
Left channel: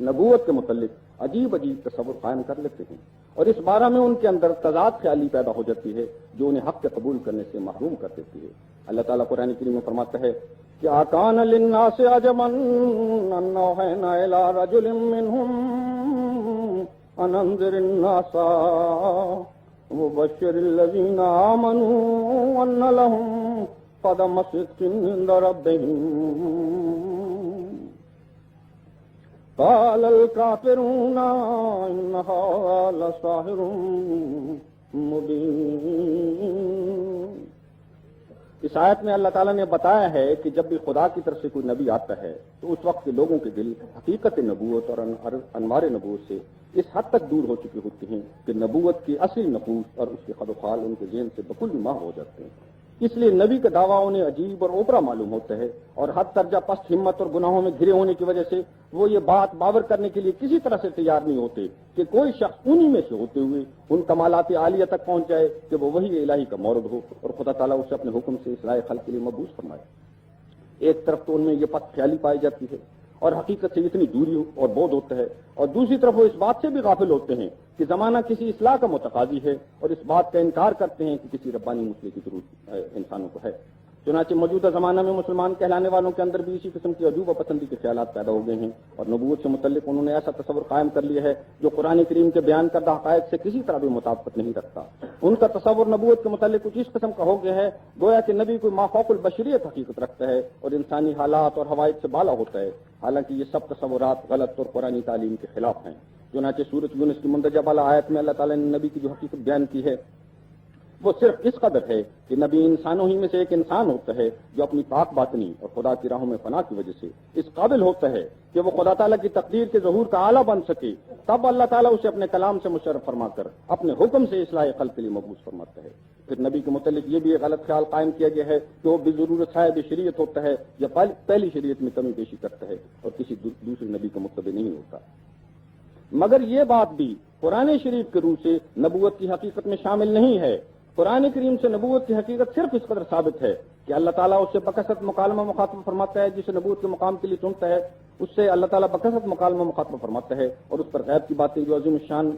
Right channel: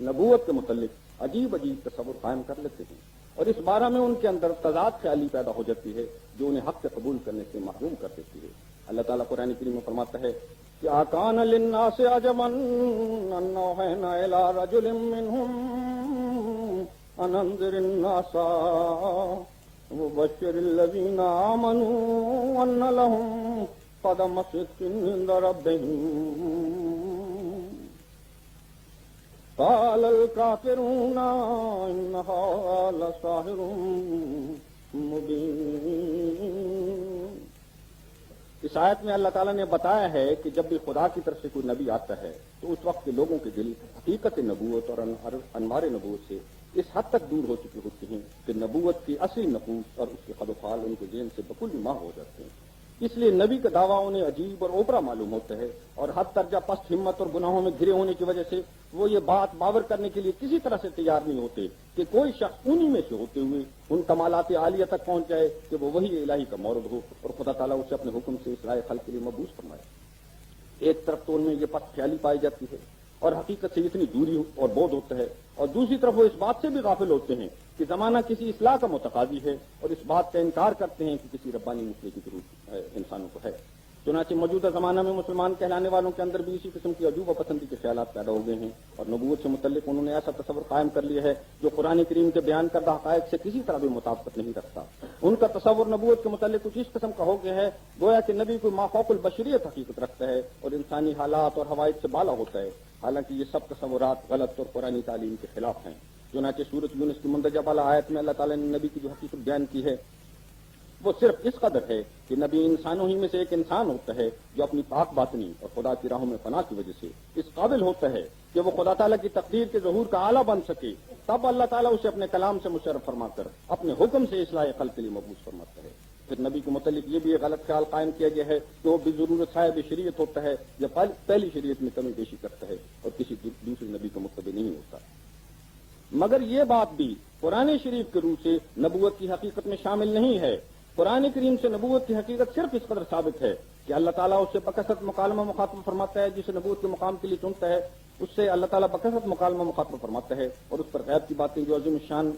نبوت کے متعلق عجیب عجیب تصور قائم کر لیتے ہیں اور اس بارے میں ان کے اندر تضاد خیالی پیدا ہو جاتی ہے جو انہیں حق کے قبول کرنے سے محروم کر دیتی ہے۔ اللہ تعالیٰ قرآن کریم میں فرماتا ہے کہ آکان للناس عجبا ان اوحینا الی رجل منہم ان انذر الناس وبشر الذین آمنوا ان لهم قدم صدق عند ربهم قال الكافرون ان هذا لساحر مبین۔ اس آیت میں اللہ تعالیٰ نے بتایا ہے کہ جب بھی خدا کی طرف سے کوئی نبی آتا ہے تو اس وقت کے لوگوں کے دل حقیقت نبوت اور انوار نبوت سے اس حد تک دور ہو چکے ہوتے ہیں کہ نبوت کی اصلی نفوس اور اس کے خد و خال ان کے ذہن سے بکل ماہ ہو جاتے ہیں۔ اس لیے نبی کا دعویٰ انہیں عجیب اور اوپرا معلوم ہوتا ہے اور حد درجہ پست ہمت اور گناہوں میں گھرے ہونے کی وجہ سے وہ یہ بات باور کرنے کے لیے کسی طرح سے تیار نہیں ہوتے کہ کوئی شخص انہی میں سے ہوتے ہوئے ان کمالات عالیہ تک پہنچ جائے کہ وہ وہی الہی کا مورد ہو اور خدا تعالیٰ اسے اپنے حکم سے اصلاح خلق کے لیے مبعوث فرمائے۔ ایک طرف تو ان میں یہ پست خیالی پائی جاتی ہے اور حقیقت سے اتنی دوری اور بودھ ہوتا ہے، اور دوسری طرف وہ اس بات سے بھی غافل ہوتے ہیں کہ زمانہ کسی اصلاح کا متقاضی ہے اور اس بات کا انکار کرتے ہیں کہ کسی ربانی مسئلے کی ضرورت انسانوں کو ہے۔ چنانچہ موجودہ زمانہ میں مسلمان کہلانے والوں کے اندر بھی اسی قسم کی عجوبہ پسندی کے خیالات پیدا ہو گئے ہیں، اور نبوت سے متعلق انہوں نے ایسا تصور قائم کر لیا ہے جو قرآن کریم کے بیان کردہ حقائق سے کسی طرح بھی مطابقت نہیں رکھتا۔ ان کا تصور نبوت کے متعلق کچھ اس قسم کا ہو گیا ہے گویا کہ نبی کوئی مافوق البشریت حقیقت رکھتا ہے اور انسانی حالات اور حوائج سے بالا ہوتا ہے، حالانکہ یہ سب تصورات غلط اور قرآن تعلیم کے خلاف ہیں۔ چنانچہ سورۃ یونس کی مندرجہ بالا آیت میں اللہ تعالیٰ نے نبی کی جو حقیقت بیان کی ہے وہ صرف اس قدر ہے کہ نبی انسانوں ہی میں سے ایک انسان ہوتا ہے جو اپنی پاک باطنی اور خدا کی راہوں میں فنا کی وجہ سے اس قابل ہوتا ہے کہ وہ خدا تعالیٰ کی تقدیر کے ظہور کا آلہ بن سکے، تب اللہ تعالیٰ اسے اپنے کلام سے مشرف فرما کر اپنے حکم سے اصلاح خلق کے لیے مبعوث فرماتا ہے۔ پھر نبی کے متعلق یہ بھی ایک غلط خیال قائم کیا گیا ہے کہ وہ بضرورت صاحب شریعت ہوتا ہے یا پہلی شریعت میں کمی بیشی کرتا ہے اور کسی دوسرے نبی کا متبع نہیں ہوتا، مگر یہ بات بھی قرآن شریف کے روح سے نبوت کی حقیقت میں شامل نہیں ہے۔ قرآن کریم سے نبوت کی حقیقت صرف اس قدر ثابت ہے کہ اللہ تعالیٰ اس سے بکثرت مکالمہ مخاطب فرماتا ہے، جسے نبوت کے مقام کے لیے چنتا ہے اس سے اللہ تعالیٰ بکثرت مکالمہ مخاطب فرماتا ہے، اور اس پر غیب کی باتیں جو عظیم الشان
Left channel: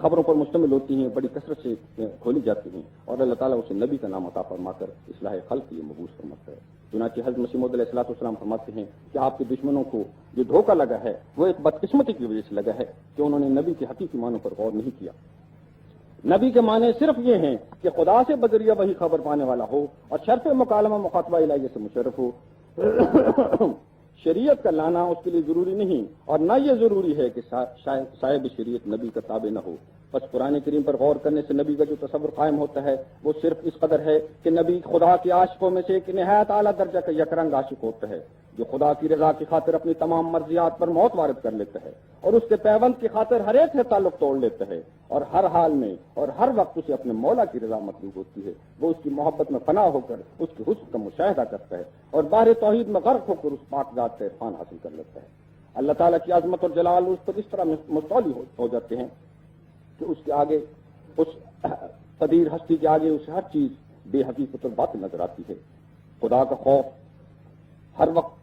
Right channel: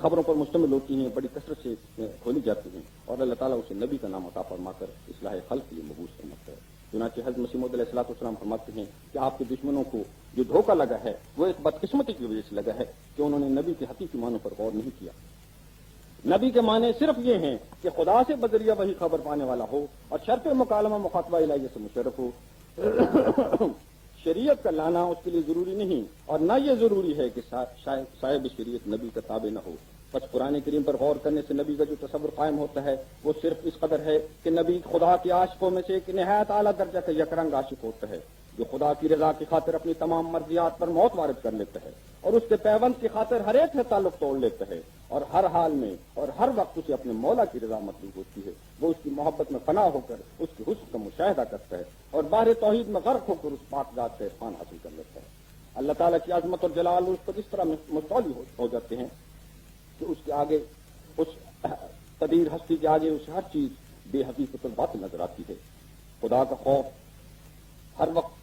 خبروں پر مشتمل ہوتی ہیں بڑی کثرت سے کھولی جاتی ہیں، اور اللہ تعالیٰ اسے نبی کا نام عطا فرما کر اصلاح خلق کے لیے مبعوث فرماتا ہے۔ چنانچہ حضرت مسیح موعود علیہ السلام فرماتے ہیں کہ آپ کے دشمنوں کو جو دھوکہ لگا ہے وہ ایک بدقسمتی کی وجہ سے لگا ہے کہ انہوں نے نبی کے حقیقی معنی پر غور نہیں کیا۔ نبی کے معنی صرف یہ ہیں کہ خدا سے بذریعہ وہی خبر پانے والا ہو اور شرف مکالمہ مخاطبہ الہیہ سے مشرف ہو۔ شریعت کا لانا اس کے لیے ضروری نہیں، اور نہ یہ ضروری ہے کہ صاحب شریعت نبی کا تابع نہ ہو۔ بس قرآن کریم پر غور کرنے سے نبی کا جو تصور قائم ہوتا ہے وہ صرف اس قدر ہے کہ نبی خدا کے عاشقوں میں سے ایک نہایت اعلیٰ درجہ کا یکرنگ عاشق ہوتا ہے جو خدا کی رضا کی خاطر اپنی تمام مرضیات پر موت وارد کر لیتا ہے اور اس کے پیوند کی خاطر ہر ایک سے تعلق توڑ لیتا ہے، اور ہر حال میں اور ہر وقت اسے اپنے مولا کی رضا مطلوب ہوتی ہے۔ وہ اس کی محبت میں فنا ہو کر اس کے حسن کا مشاہدہ کرتا ہے اور باہر توحید میں غرق ہو کر اس پاک ذات سے عرفان حاصل کر لیتا ہے۔ اللہ تعالیٰ کی عظمت اور جلال اس پر اس طرح مستولی ہو جاتے ہیں کہ اس کے آگے، اس قدیر ہستی کے آگے اسے ہر چیز بے حقیقت اور باطل نظر آتی ہے۔ خدا کا خوف ہر وقت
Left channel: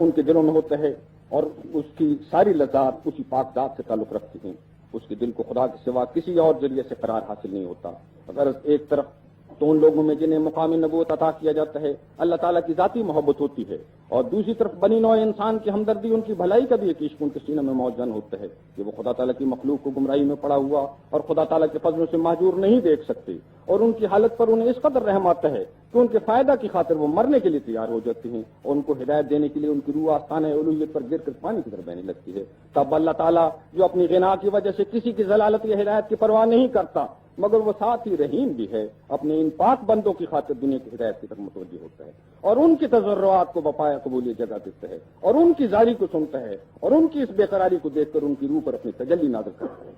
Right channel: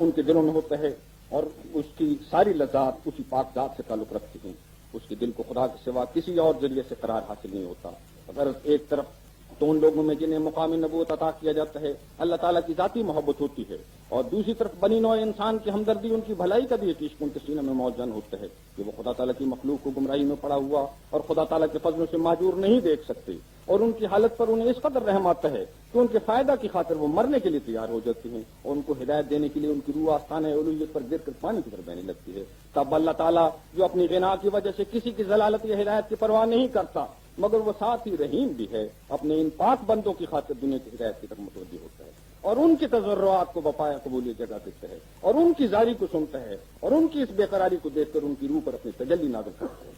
ان کے دلوں میں ہوتا ہے اور اس کی ساری لذات اسی پاک ذات سے تعلق رکھتی ہیں۔ اس کے دل کو خدا کے سوا کسی اور ذریعے سے قرار حاصل نہیں ہوتا۔ اگر ایک طرف تو ان لوگوں میں جنہیں مقام نبوت عطا کیا جاتا ہے اللہ تعالیٰ کی ذاتی محبت ہوتی ہے، اور دوسری طرف بنی نوع انسان کی ہمدردی، ان کی بھلائی کا بھی ایک عشق ان کے سینہ میں موجود ہوتا ہے کہ وہ خدا تعالیٰ کی مخلوق کو گمراہی میں پڑا ہوا اور خدا تعالیٰ کے فضلوں سے معذور نہیں دیکھ سکتے، اور ان کی حالت پر انہیں اس قدر رحم آتا ہے کہ ان کے فائدہ کی خاطر وہ مرنے کے لیے تیار ہو جاتے ہیں، اور ان کو ہدایت دینے کے لیے ان کی روح آستانہ الوہیت پر گر کر پانی کی طرف بہنے لگتی ہے۔ تب اللہ تعالیٰ جو اپنی غنا کی وجہ سے کسی کی ضلالت یا ہدایت کی پرواہ نہیں کرتا مگر وہ ساتھ ہی رحیم بھی ہے، اپنے ان پاک بندوں کی خاطر دنیا کی ہدایت کی طرف متوجہ ہوتا ہے اور ان کی تضرعات کو بپایا قبولیت جگہ دیتا ہے اور ان کی زاری کو سنتا ہے اور ان کی اس بے قراری کو دیکھ کر ان کی روح پر اپنی تجلی نازل کرتا ہے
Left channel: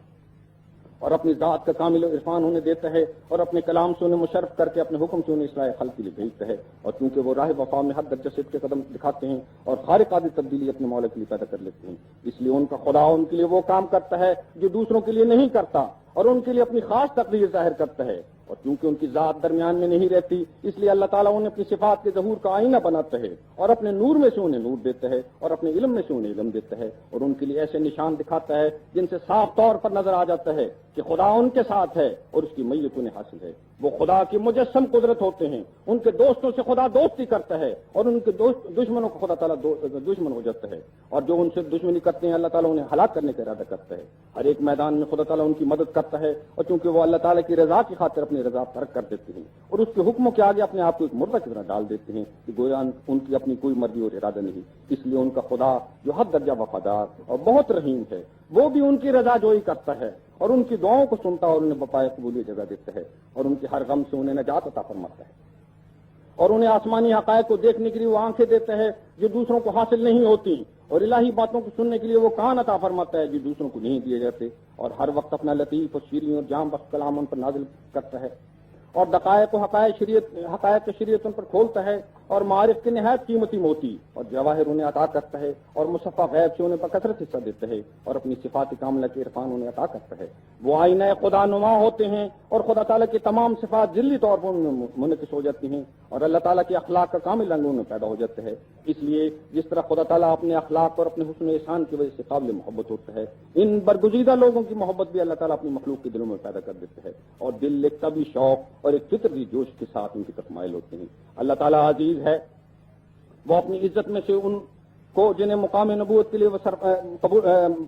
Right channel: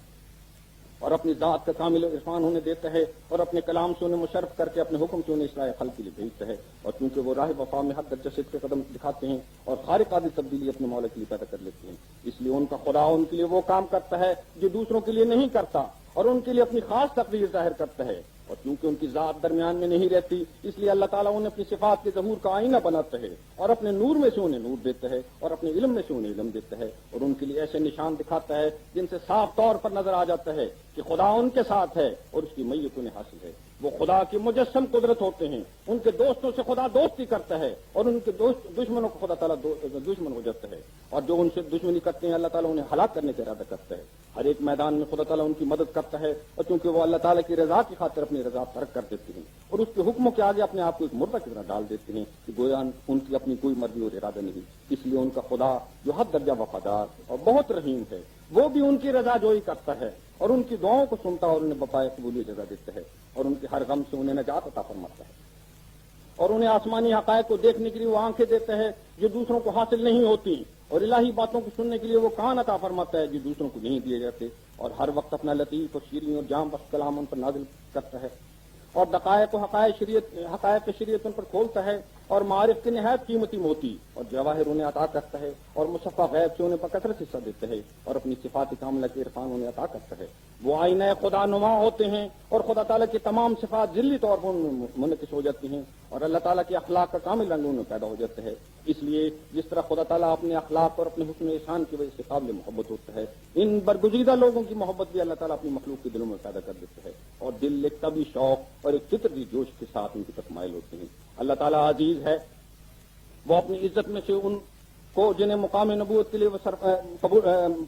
اور اپنی ذات کا کامل عرفان انہیں دیتا ہے اور اپنے کلام سے انہیں مشرف کر کے اپنے حکم سے انہیں اصلاح خلق کے لیے بھیجتا ہے، اور کیونکہ وہ راہ وفا میں حد درجہ صدق کے قدم دکھاتے ہیں اور خارق عادی تبدیلی اپنے مولا کے لیے پیدا کر لیتے ہیں، اس لیے ان کا خدا ان کے لیے وہ کام کرتا ہے جو دوسروں کے لیے نہیں کرتا اور ان کے لیے اپنی خاص تقدیر ظاہر کرتا ہے، اور کیونکہ ان کی ذات درمیان میں نہیں رہتی اس لیے اللہ تعالیٰ انہیں اپنی صفات کے ظہور کا آئینہ بناتا ہے اور اپنے نور میں سے انہیں نور دیتا ہے اور اپنے علم میں سے انہیں علم دیتا ہے، اور ان کے لیے ایسے نشان دکھاتا ہے جن سے صاف طور پر نظر آ جاتا ہے کہ خدا ان کے ساتھ ہے اور اس کی میت انہیں حاصل ہے۔ وہ خدا کی مجسم قدرت ہوتے ہیں، ان کے دوستوں سے خدا دوستی کرتا ہے اور ان کے دشمنوں کو خدا تعالیٰ دشمن ہو جاتا ہے، اور جو ان سے دشمنی کرتے ہیں اللہ تعالیٰ انہیں ہلاک کرنے کا ارادہ کرتا ہے۔ ہر ایک میدان میں خدا تعالیٰ ان کی مدد کرتا ہے، اور چونکہ وہ اللہ تعالیٰ کی رضا کی خاطر اپنی رضا ترک کر دیتے ہیں اور اس کے حکموں کے آگے اپنے آپ کو ایک مردہ کی طرح ڈال دیتے ہیں کہ گویا ان کی اپنی کوئی مرضی اور ارادہ نہیں، اس لیے ان کا خدا جو حد درجہ وفادار اور بہت رحیم ہے وہ بھی ان کی رضا جوئی کرتا ہے اور ان کی دعاؤں کو سنتا ہے اور انہیں بپائے قبولیت جگہ دیتا ہے اور ان کے ہر غم سے انہیں نجات عطا فرماتا ہے، اور انہیں آسمانی حقائق کو دیکھنے کے لیے وہ آنکھیں دیتا ہے جو دوسروں کو حاصل نہیں ہوتی، اور الہی باتوں کو سننے کے لیے وہ کان عطا فرماتا ہے جو دوسروں کو نہیں دیے جاتے، اور ہر وقت اپنا لطیف اور شیریں اور جام بخش کلام ان پر نازل کرتا ہے اور دقائق و حقائق شریعت ان پر کھولتا ہے اور معارف کے نہایت قیمتی موتی اور جواہر انہیں عطا کرتا ہے اور مصفہ غیب سے انہیں بکثرت حصہ دیتا ہے اور اپنی صفات کاملہ کے عرفان انہیں عطا کرتا ہے۔ وہ آئینہ خدا نما ہوتے ہیں اور خدا تعالیٰ کی تمام صفات ذلی طور پر ان میں منعکس ہو جاتی ہیں اور اللہ تعالیٰ کے اخلاق کا کامل رنگ ان میں پیدا ہو جاتا ہے۔ اس لیے جس طرح خدا تعالیٰ اپنے اخلاق اور اپنے حسن و احسان کی وجہ سے قابل محبت ہوتا ہے، ان برگزیدہ لوگوں کی محبت بھی اللہ تعالیٰ اپنی مخلوق کے دلوں میں پیدا کر دیتا ہے اور دل ایک طبی شوق اور ایک فطری جوش کے ساتھ ان کی طرف مائل ہوتے ہیں اللہ تعالیٰ عزیز ہے، وہ اپنی عزت میں سے ان کو جنہیں مقام نبوت کے لیے وہ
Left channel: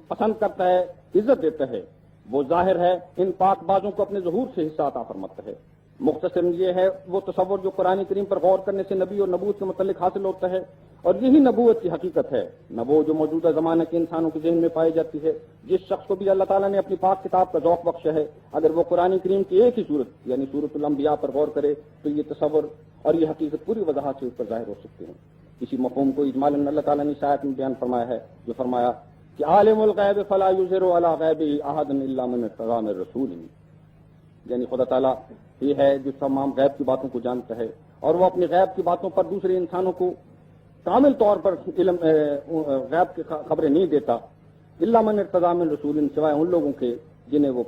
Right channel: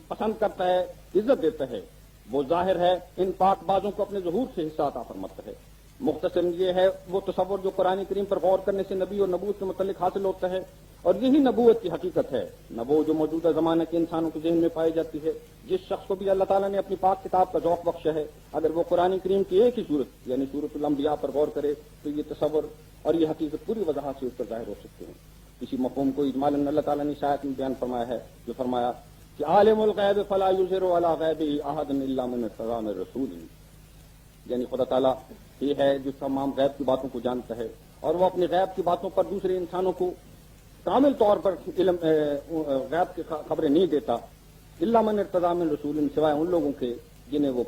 پسند کرتا ہے عزت دیتا ہے، وہ ظاہر ہے ان پاک بازوں کو اپنے ظہور سے حصہ عطا فرماتا ہے۔ مختصر یہ ہے وہ تصور جو قرآن کریم پر غور کرنے سے نبی اور نبوت کے متعلق حاصل ہوتا ہے، اور یہی نبوت کی حقیقت ہے، نبوت جو موجودہ زمانے کے انسانوں کے ذہن میں پائی جاتی ہے۔ جس شخص کو بھی اللہ تعالیٰ نے اپنی پاک کتاب کا ذوق بخشا ہے، اگر وہ قرآن کریم کی ایک ہی صورت یعنی سورۃ الانبیاء پر غور کرے تو یہ تصور اور یہ حقیقت پوری وضاحت سے اس پر ظاہر ہو سکتے ہیں۔ اسی مفہوم کو اجمالاً اللہ تعالیٰ نے اس آیت میں بیان فرمایا ہے، جو فرمایا کہ عالم الغیب فلا یظہر علی غیبہ احدا الا من ارتضی من رسول، یعنی خدا تعالیٰ یہ ہے جو تمام غیب کی باتوں کو جانتا ہے، اور وہ اپنی غیب کی باتوں پر دوسرے انسانوں کو کامل طور پر علم غیب کی خبریں نہیں دیتا، الا من ارتضی من رسول، سوائے ان لوگوں کے جنہیں وہ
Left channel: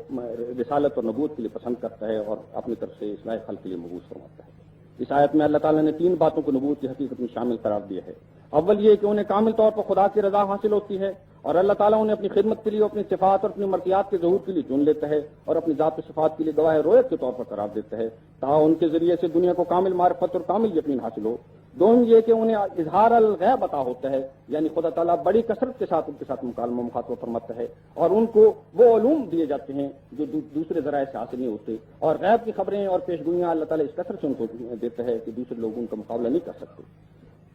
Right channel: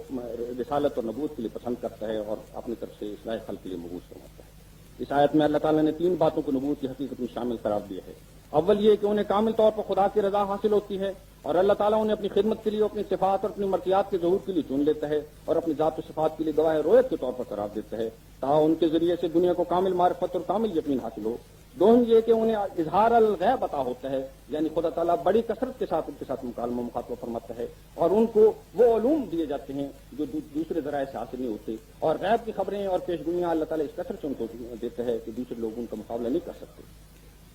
رسالت اور نبوت کے لیے پسند کرتا ہے اور اپنی طرف سے اصلاح خلق کے لیے مبعوث فرماتا ہے۔ اس آیت میں اللہ تعالیٰ نے 3 باتوں کو نبوت کی حقیقت میں شامل قرار دیا ہے۔ اول یہ کہ انہیں کامل طور پر خدا کی رضا حاصل ہوتی ہے، اور اللہ تعالیٰ انہیں اپنی خدمت کے لیے اپنی صفات اور اپنی مرضیات کے ظہور کے لیے چن لیتا ہے اور اپنی ذات و صفات کے لیے گواہ رویت کے طور پر قرار دیتا ہے تاکہ ان کے ذریعے سے دنیا کو کامل معرفت اور کامل یقین حاصل ہو۔ دوم یہ کہ انہیں اظہار الغیب عطا ہوتا ہے، یعنی خدا تعالیٰ بڑی کثرت کے ساتھ ان کے ساتھ مکالمہ مخاطبہ فرماتا ہے، اور ان کو وہ علوم دیے جاتے ہیں جو دوسرے ذرائع سے حاصل نہیں ہوتے، اور غیب کی خبریں اور پیشگوئیاں اللہ تعالیٰ اس کثرت سے ان کو دیتا ہے کہ دوسرے لوگ ان کا مقابلہ نہیں کر سکتے۔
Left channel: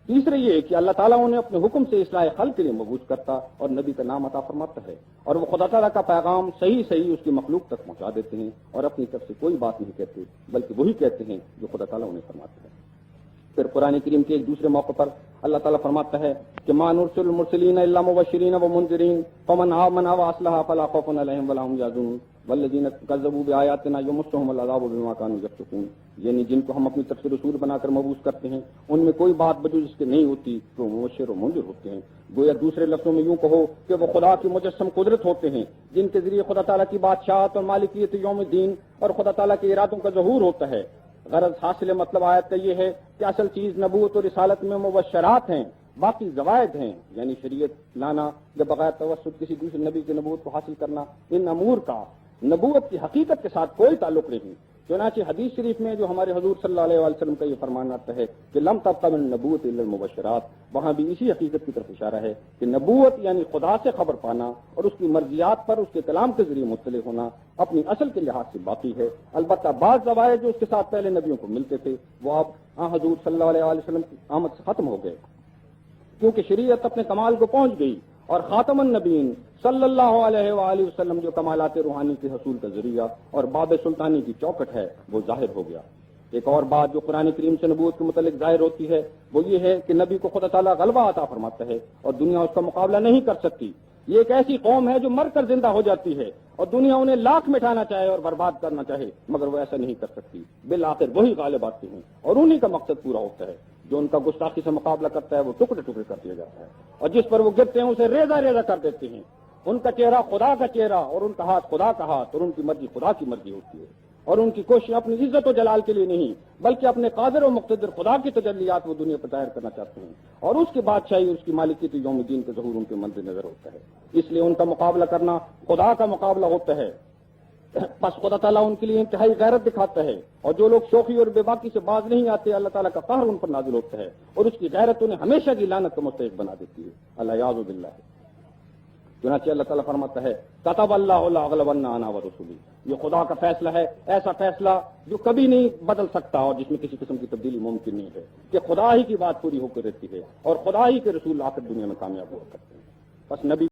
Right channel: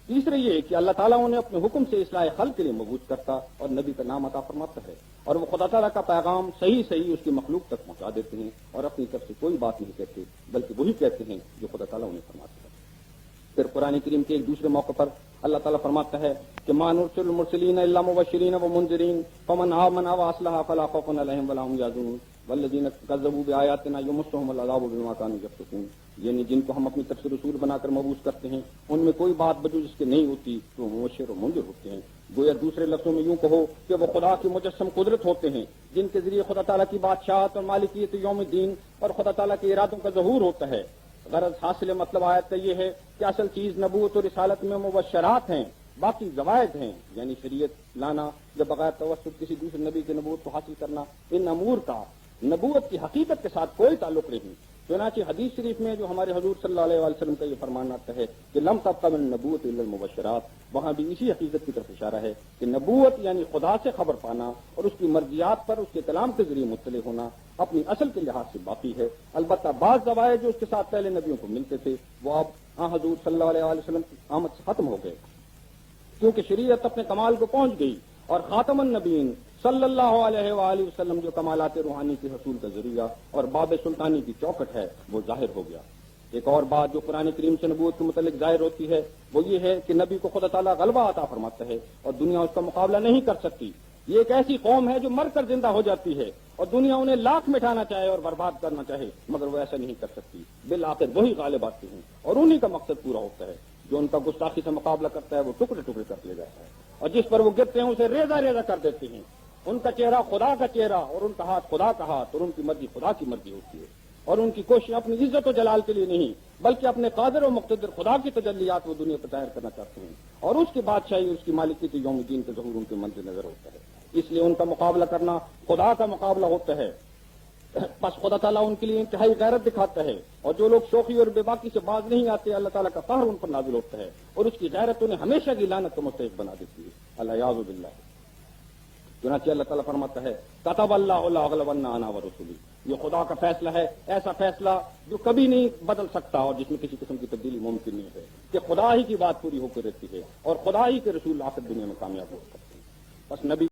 تیسرے یہ کہ اللہ تعالیٰ انہیں اپنے حکم سے اصلاح خلق کے لیے مبعوث کرتا اور نبی کا نام عطا فرماتا ہے، اور وہ خدا تعالیٰ کا پیغام صحیح اس کی مخلوق تک پہنچا دیتے ہیں اور اپنی طرف سے کوئی بات نہیں کہتے بلکہ وہی کہتے ہیں جو خدا تعالیٰ انہیں فرماتا ہے۔ پھر قرآن کریم کے ایک دوسرے موقع پر اللہ تعالیٰ فرماتا ہے کہ ما نرسل المرسلین الا مبشرین ومنذرین فمن آمن واصلح فلا خوف علیہم ولا هم یحزنون والذین کذبوا بآیاتنا یمسهم العذاب بما کانوا یفسقون، یعنی جن کو ہم اپنی طرف سے رسول بنا کر مبعوث کرتے ہیں ان میں کوئی بات بجز اس کے نہیں ہوتی تو مبشر و منذر ہوتے ہیں۔ گویا دوسرے لفظوں میں یوں کہو کہ وہ خدا کی مجسم قدرت ہوتے ہیں جن کے ذریعے خدا تعالیٰ کی بادشاہت اور مالکیت یوم الدین اور خدا تعالیٰ کے ارادوں کا ظہور ہوتا ہے۔ غرض حاصل مطلب آیت کا یہ ہے کہ اصل چیز نبوت اور رسالت میں مبشرات ہیں، باقی زوائد ہیں، یعنی شریعت لانا یا بغیر توسط کسی دوسرے نبی کی نبوت کو حاصل کرنا، ان امور کا نبوت کی حقیقت کے ساتھ کوئی تعلق نہیں۔ چنانچہ حدیث شریف میں جو ہمارے حضور صلی اللہ علیہ وسلم کا یہ فرمان آتا ہے کہ لم تبق من النبوۃ الا المبشرات، وہاں بھی اسی حقیقت کی طرف اشارہ ہے کہ نبوت یعنی خدا سے خبر پانا اور اس کی مرضیات پر اس کے کلام کے ذریعے مطلع ہونا اپنی اصل کے لحاظ سے باقی ہے۔ البتہ بعض زوائد جو اس کے ساتھ پہلے نبیوں کو ملتے تھے وہ اب حضور صلی اللہ علیہ وسلم کی آمد سے ختم ہو گئے، کیونکہ شریعت اپنے کمال کو پہنچ گئی اور خاتم النبیین صلی اللہ علیہ وآلہ وسلم جو کمالات روحانی کے حصول کا ذریعہ اور باب سلطانی کی چوکٹ ہے وہ ظاہر ہو گیا۔ ایک اور بات جو قرآن کریم سے نبوت کے متعلق ظاہر ہوتی ہے وہ یہ ہے کہ نبی کو خدا تعالیٰ غلبہ عطا فرماتا ہے اور دنیا اس کا مقابلہ نہیں کر سکتی۔ یہ ایک ایسی قوم ہے جو مر کر زندہ ہو جاتی ہے اور دنیا انہیں لاکھ مٹانا چاہے اور برباد کرنا چاہے مگر وہ ایسا نہیں کر سکتی، بالآخر وہی غالب آتے ہیں اور انہی کا مقصد پورا ہوتا ہے۔ جو ان کا گستاخی سے مقابلہ کرتا ہے وہ ٹکڑے ٹکڑے کر لیا جاتا ہے، اور جس پر وہ گرتے ہیں اسے ریزہ ریزہ کر دیتے ہیں۔ ان کا چہرہ خدا کا چہرہ اور ان کا ہاتھ خدا کا ہاتھ اور ان کی مرضی خدا کی مرضی ہوتی ہے، اور ان کی کوشش اپنی عزت و جلال کے لیے نہیں بلکہ اپنے قادر و مقتدر خدا کی تجلیات وہ دنیا پر ظاہر کرنا چاہتے ہیں، اور اس کی بادشاہی اور اس کی مالکیت یوم الدین کے ظہور ان کے منظر نظر ہوتا ہے۔ اس لیے ان کا مقابلہ کرنا خدا کا مقابلہ ہوتا ہے۔ بس خدا تعالیٰ ان کے لیے انتہائی غیرت دکھاتا ہے، اور جو لوگ شوخی اور بے باکی سے باز نہیں آتے اللہ تعالیٰ کا قہر ان پر نازل ہوتا ہے اور اس کی غیرت انہیں ہمیشہ کی لعنت کا مستحق بنا دیتی ہے۔ اللہ یعوذ باللہ۔ چنانچہ اللہ تعالیٰ فرماتا ہے کتب اللہ لاغلبن انا ورسلی، یہ خدا کا فیصلہ ہے، ایسا فیصلہ جو کبھی نہیں بدل سکتا اور جس میں کسی قسم کی تبدیلی ممکن نہیں ہے، کہ خدا ہی کی بات پوری ہو کے رہتی ہے اور خدا ہی کے رسول آ کر دنیا میں کامیاب ہو سکتے ہیں۔ بس نبی